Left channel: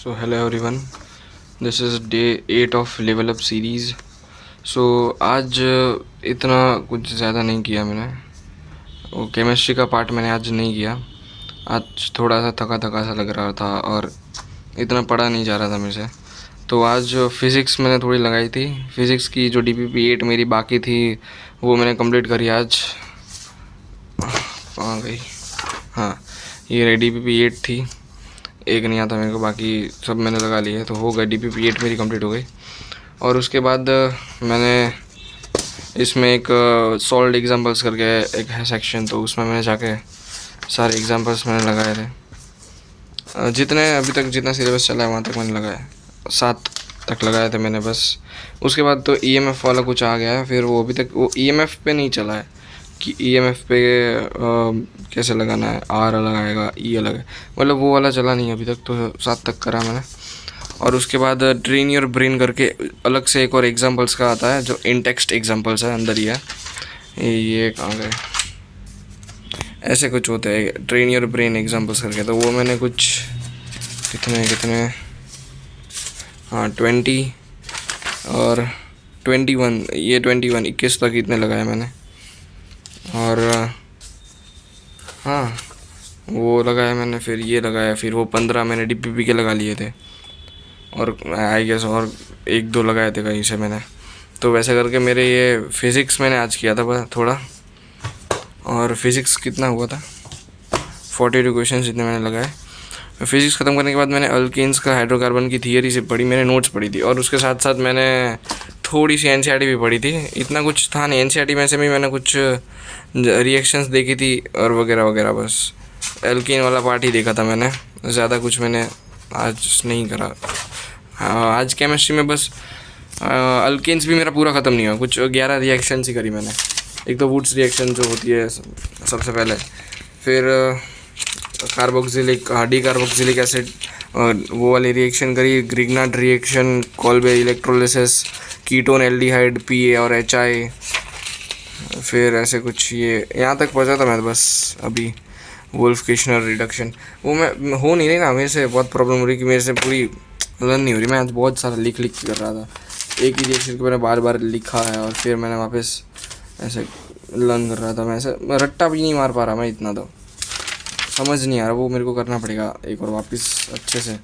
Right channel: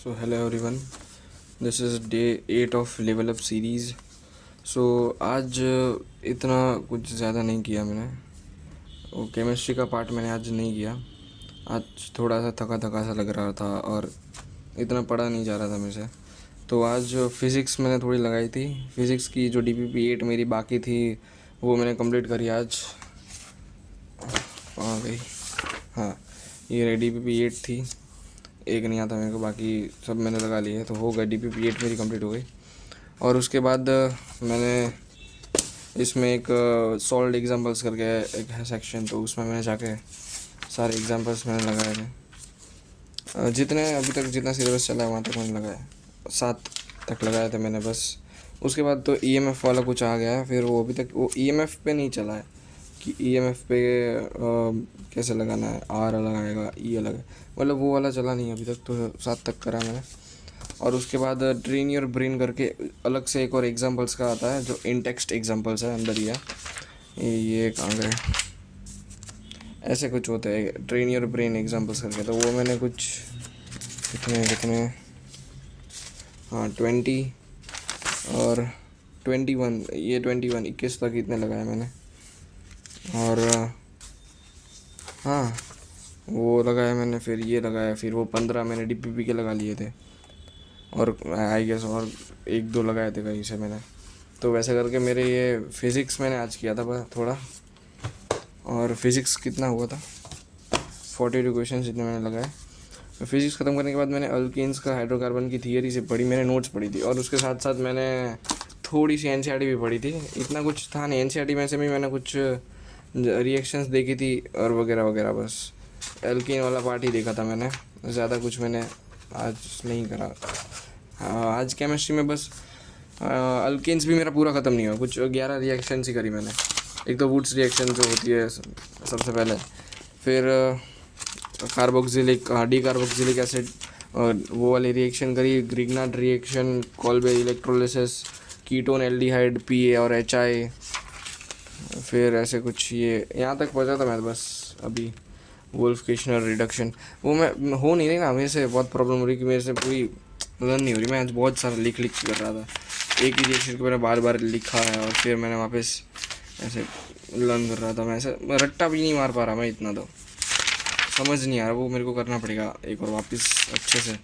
So hello everyone, this is day 8 of level up series. So आज इतना कुछ ज़्यादा नहीं किया मैंने, वो केमिस्ट्री का पार्ट मैंने आज नहीं किया। आज थोड़ा सा थका थका सा लग रहा था और इतना पढ़ा नहीं जा रहा था मेरे से। तो आज फ़िज़िक्स मैंने थोड़ी लगाई थी। फ़िज़िक्स की जो DPP 8 मेरी बाकी थी वो मैंने कंप्लीट करी आज। कहाँ गई? हाँ, ये रही DPP 8 थी, एक नहीं आता मेरे को, बाकी सब मैंने लगा लिए। तो हो गया, DPP 8 मेरी कंप्लीट हो गई। और उसके बाद मैंने इसमें एक सॉल्व्ड एग्जांपल्स करके एक है सेक्शन, तो उसमें मैंने जाके सारे एग्जांपल्स मैंने लगाए थे। जितने अभी तक जितना सिलेबस चला है वहाँ तक मैंने लगाया, 7 तक लगाए थे मैंने बस। उसके बाद तो EMF वाला कुछ आ गया है, फिर वो अभी तक वो EMF पे नहीं चला है कि EMF पे कैसे लगाना है, R अलग आएगा, E अलग है, मतलब वो वाला चला नहीं अभी तक। तो 7 तक करा मैंने। और उसके बाद ट्रेन योर ब्रेन करके अलग से एक और एग्जांपल्स का आता है, जो इन टेक्स्ट एग्जांपल्स है, अंदर ही है। ये कहाँ गए? ऐसे कुछ होते हैं ट्रेन योर ब्रेन एग्जांपल्स करके, तो वो मैंने कुछ कितने कितने हाँ 20 और 21, ये 21 तक इतने लगाए मैंने। और हाँ, वो लगाया मैंने, फिर ये लगाया, फिर वो 15 मैंने DPP के लगा लिए थे, और आई गेस और 1-2 लगाए थे कहीं से मैंने। तो वैसे करके मेरे ये फ़िज़िक्स मैंने आज किया था बस थोड़ा। और फिज़िक्स कितना हुआ था, 42 क्वेश्चन इतने मैंने लगाए। फिज़िक्स ख़त्म करने के बाद मैंने अल्केन्स का हाइड्रोकार्बन की थियरी से पढ़ी, मैंने नोट्स पढ़ी थी। और उसके साथ साथ मैंने थोड़ी सी NCERT भी पढ़ी थी। इतना कुछ था नहीं NCERT में से भी, मैंने कुछ रिएक्शंस देखी थी और वगैरह वगैरह, बस एल्केन वाला पार्ट ही देखा था मैंने, ज़्यादा कुछ मैंने आज नहीं करा। आज केमिस्ट्री में बस अल्केन्स भी मेरा पूरा ख़त्म नहीं हुआ, कुछ 11 रिएक्शंस ही करी मैंने। एक तो वुड्स रिएक्शन जो होती है सबसे पहले, फिर कार्बोक्सिलिक डी कार्बोक्सिलिक एसिड वो वाली रिएक्शन करी, Grignard reaction, Kolbe electrolysis, ketone aldehyde PA और HI, फिर ऐसे कुछ ये यहाँ तक पहुँचा था मैं बस। अभी वुल्फ किश्नर रिडक्शन वो मैं हो नहीं रही ना, मेरे से बहुत प्रॉब्लम हो रही कि मेरे से पूरी लर्न नहीं हो रही। मैं आज बहुत सारा लिख कर रहा था, एक ही रिएक्शन को मैंने बार बार लिखा है और फिर मैंने वापस ऐसे लर्न कर रहा था। मैं ऐसे रट्टा भी नहीं मार पा रहा मैं, इतना तो समझ नहीं आ रहा। वो मेरे को करना पड़ेगा एक और वापस अच्छे से।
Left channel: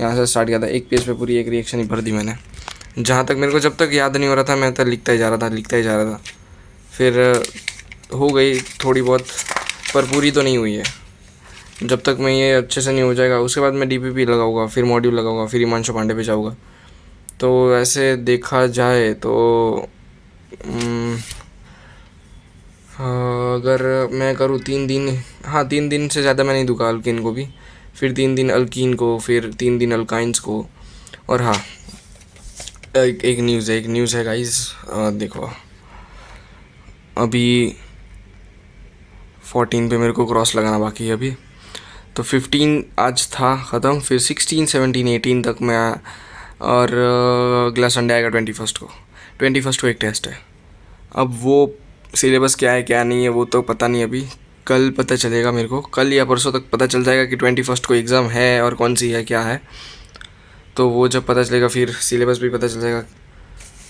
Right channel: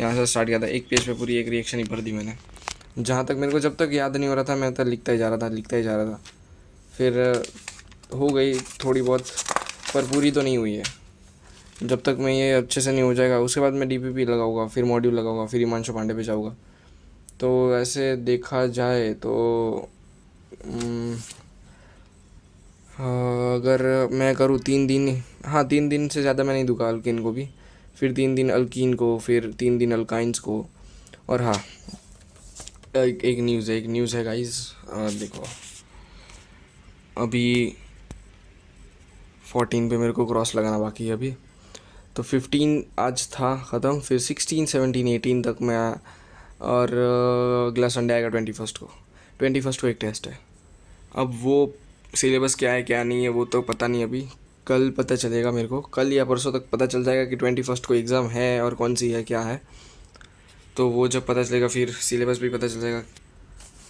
यहाँ से स्टार्ट किया था, एक पेज पे पूरी एक रिएक्शन ही भर दी मैंने। जहाँ तक मेरे को जब तक याद नहीं हो रहा था मैं तो लिखता ही जा रहा था। फिर हो गई थोड़ी बहुत, पर पूरी तो नहीं हुई है। जब तक मैं ये अच्छे से नहीं हो जाएगा, उसके बाद मैं DPP लगाऊंगा, फिर मॉड्यूल लगाऊंगा, फिर हिमांशु पांडे पे जाऊँगा। तो ऐसे देखा जाए तो हाँ, अगर मैं करूँ 3 दिन, हाँ 3 दिन से ज़्यादा मैं नहीं दूंगा अल्किन को भी, फिर 3 दिन अल्कीन को, फिर 3 दिन अल्काइंस को। और हाँ, एक न्यूज़ है गाइस, देखो अभी 14 पे मेरे को क्रॉस लगाना बाकी है अभी। तो 15 आज था ख़त्म, फिर 16, 17, 18 तक मैं, और अगला संडे आएगा 21 को एक टेस्ट है। अब वो सिलेबस क्या है क्या नहीं है वो तो पता नहीं, अभी कल पता चलेगा मेरे को, कल या परसों तक पता चल जाएगा कि 21 को एग्ज़ाम है और कौन सी है क्या है। तो वो जब पता चलेगा फिर सिलेबस भी पता चल जाएगा,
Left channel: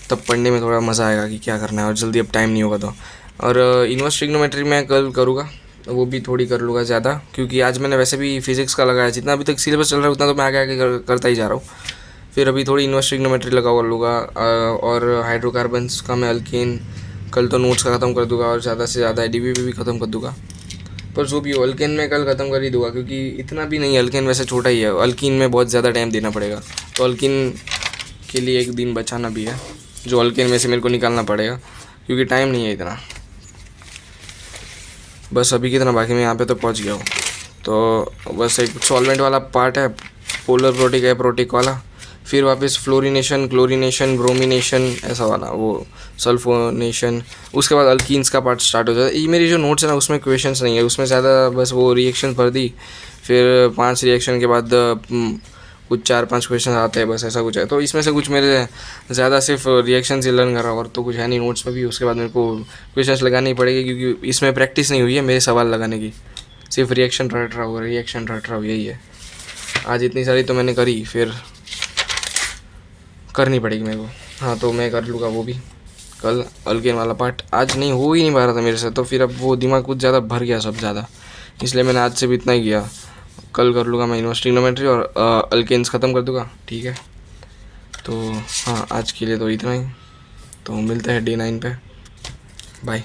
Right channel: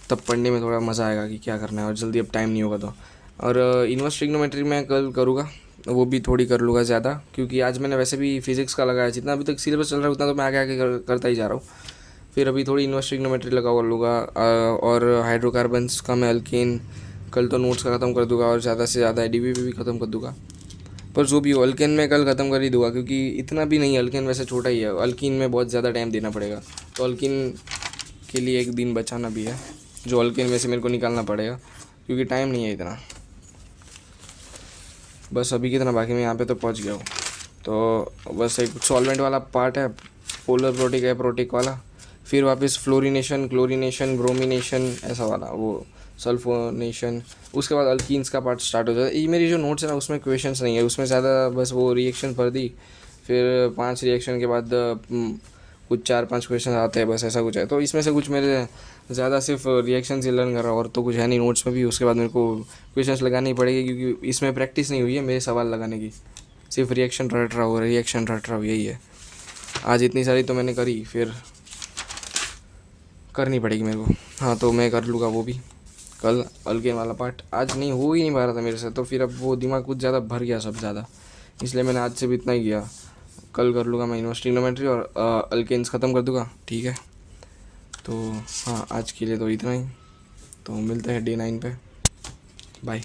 तब पढ़ने में थोड़ा मज़ा आएगा कि क्या करना है, और जल्दी अब टाइम नहीं होगा तो। और इन्वर्स ट्रिग्नोमेट्री मैं कल करूँगा, वो भी थोड़ी कर लूँगा ज़्यादा, क्योंकि आज मैंने वैसे भी फिज़िक्स का लगाया, जितना अभी तक सिलेबस चल रहा है उतना तो मैं आगे आगे करता ही जा रहा हूँ। फिर अभी थोड़ी इन्वर्स ट्रिग्नोमेट्री लगा कर लूँगा, और हाइड्रोकार्बन्स का मैं अल्कीन कल तो नोट्स का ख़त्म कर दूँगा, और ज़्यादा से ज़्यादा DPP भी ख़त्म कर दूँगा। पर जो भी हो, अल्केन में कल ख़त्म कर ही दूँगा, क्योंकि इतना भी नहीं, अल्केन वैसे छोटा ही है, अल्कीन में बहुत ज़्यादा टाइम देना पड़ेगा। तो अल्कीन के लिए एक दिन बचाना भी है, जो अल्केन में से मेरे को निकालना पड़ेगा, क्योंकि टाइम नहीं है इतना। बस अभी कितना बाकी, मैं यहाँ पे तो पहुँच गया हूँ। तो बस एक सॉल्वेंट वाला पार्ट है, पोलर प्रोटिक एप्रोटिक वाला, फिर वापस फ्लोरिनेशन, क्लोरिनेशन, ब्रोमिनेशन, ऐसा वाला, वो सल्फोनेशन। उसके बाद अल्कीन्स का पार्ट स्टार्ट हो जाता है। ये मेरी जो नोट्स है ना उसमें क्वेश्चंस नहीं है, उसमें ज़्यादा बस वो रिएक्शन भर दी, फिर 5 रिएक्शन के बाद कुछ 4-5 क्वेश्चन आते हैं, बस ऐसा कुछ है। तो इसमें से कुछ मेरे ज़्यादा सिर्फ रिएक्शन ही लर्न कर रहा हूँ, और तो कुछ है नहीं नोट्स में भी। उसके बाद मेरे को क्वेश्चन लगानी पड़ेगी, क्योंकि इसमें प्रैक्टिस नहीं हुई है मेरे सवाल लगाने की, सिर्फ रिएक्शन रट रहा हूँ, यही है। आज इतनी सारी तो मैंने करी, फिर करनी पड़ेगी मेरे को। हाँ तो मैं कर लूँगा वो भी कल। अल्केन वाला पार्ट आज नहीं हो ही नहीं पा रहा था मेरे से, तो फिर अब वो दिमाग कुछ ज़्यादा भर गया सब ज़्यादा, इसलिए मैंने आज से भी इतना ही किया। कल कर लूँगा मैं यूनिवर्सिटी ट्रिग्नोमेट्री और अल्केन्स ख़त्म कर दूँगा, ठीक है। तो हाँ आज के लिए तो इतना ही, तो मिलते हैं डे 9 पे, बाय।